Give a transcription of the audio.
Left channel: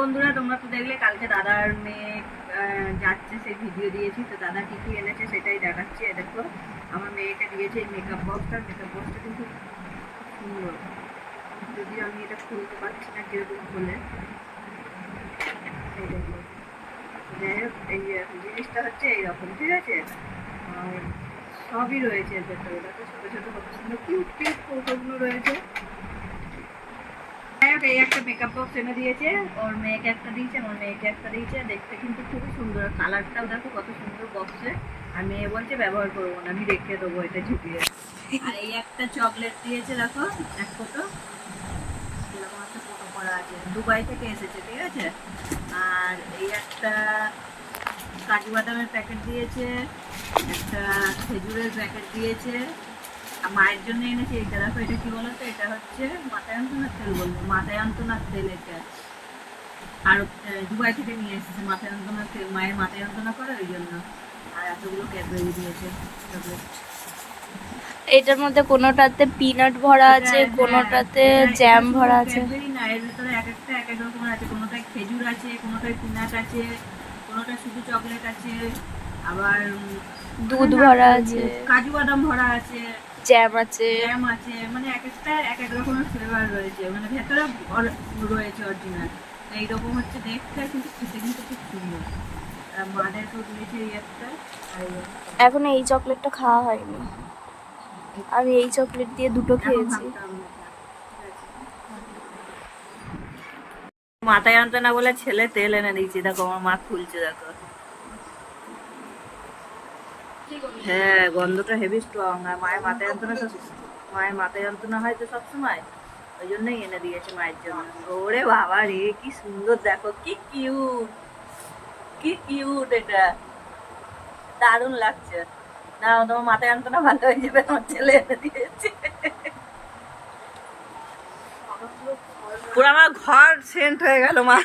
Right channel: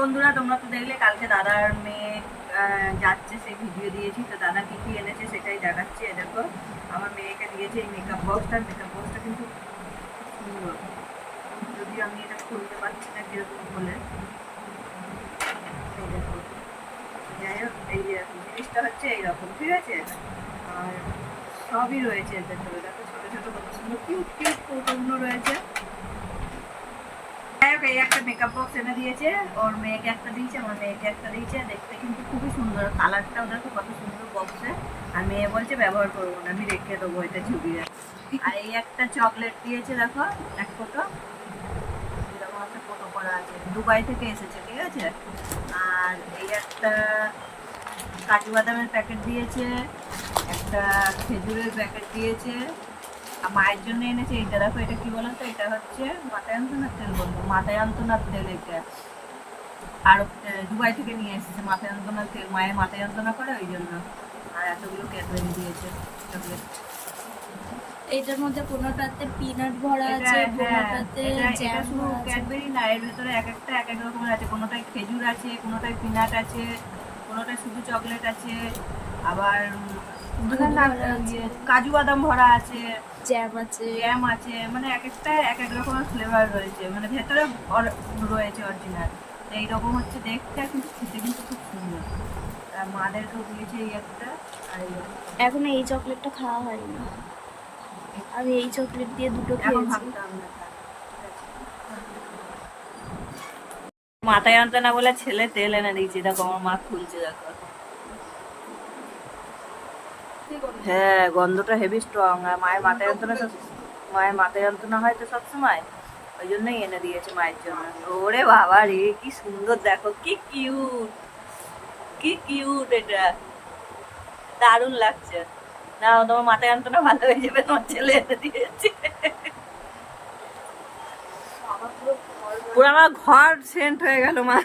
বন্ধুরা, তোমরা তো দেখলে কালকে দাদার মেয়ে যাচ্ছে, সেই ভিডিও দিয়েছি। তো দাদা কি কি এনেছে সেটাই দেখাচ্ছি। দেখো আমার মেয়েকে দিয়েছে এই মেকআপ বক্সটা কিন্তু সুন্দর, যদি আমি এটা খুলতে পারছি না কিরকম খুলে। এই দেখো, যাই হোক, এই জিনিসটা হচ্ছে এইরকম, ঠিক আছে। আর সবই রয়েছে এর ভেতরে, দেখো ছোট ছোট কত সুন্দর কিউট কিউট কৌটোগুলো রয়েছে। এই একটা মেকআপ বক্স এনে দিয়েছে, ওর মেয়েকে একটা দিয়েছে, আমার মেয়েকে একটা দিয়েছে। দেখতে কিন্তু খুবই সুন্দর, কালারটাও দেখো কত সুন্দর বক্সে। আর মেয়ে বলছে ব্যবহার করবো না, আমি রেখে দেবো এটা ঝুঁকিয়ে। আর এই একটা চকলেট দিয়েছে, দেখো এক ফটো, এরকম একটা ফটো করা আছে, দুবাই থেকে এসেছে, ঠিক আছে। আর এই একটা কাজু বাদামের প্যাকেট দিয়েছে, একটা খেজুরের প্যাকেট দিয়েছে। আর মায়ের জন্য এনেছে এইটা, দেখো এটা কি বলতো, এটা হচ্ছে মাথায় যন্ত্রণার তেল, বলবো মাথায় যন্ত্রণার তেল এটা। আর দুবাই থেকে নিয়ে এসেছে মাথায় যন্ত্রণার তেল, মায়ের মাথায় যন্ত্রণা করে ওই জন্য। আর এতগুলো ক্যাডবেরি দিয়েছে চকলেট। এটার মধ্যে কোনোটাতে পিনাট ভরা আছে, কোনোটাতে জ্যাম ভরা আছে। ক্যাডবেরি না, এর ভিতরে এক একটা এক এক রকমের আছে, কোনোটায় খেজুর আছে, কোনোটায় পিনাট আছে, কোনোটায় শুধু চকলেট আছে, আবার দুধ ভরা আছে, কাজু বাদাম ভরা আছে, জ্যাম আছে, জ্যাম আছে, মানে এক একটা এক এক রকমের ফ্লেভার রয়েছে, মানে ভেতরে রয়েছে অরিজিনাল। এইরকম হচ্ছে দেখতে, কিন্তু খেতে কিন্তু খুব সুন্দর। আর মাদেরকেও দিয়েছে এই একটা। আর এখনো এই চকলেটটা খাওয়া হয়নি, আমি এই চকলেট দিয়ে দুটো খেয়েছি। মাথায় আনতে না বলে ছেলে তেল এনে দিয়েছি, দেখো আমার মা খুলছে, দেখো। হ্যাঁ, গন্ধটা হেভি স্ট্রং। আর মায়ের মাথায় যন্ত্রণা হয় তো সবসময়, ওই জন্যই এনে দিয়েছে মায়ের জন্য। ওরে বাবা রে, কি সুন্দর, দেখো কি কিউট, কি কিউট, এটা দারুণ লাগছে না? তোমার মাথায় যন্ত্রণা ভালো হয়ে যাবে, তোমার ছেলে এনে দিয়েছে। পুরো আমার ঘর সেন্ট হয়ে গেল মা।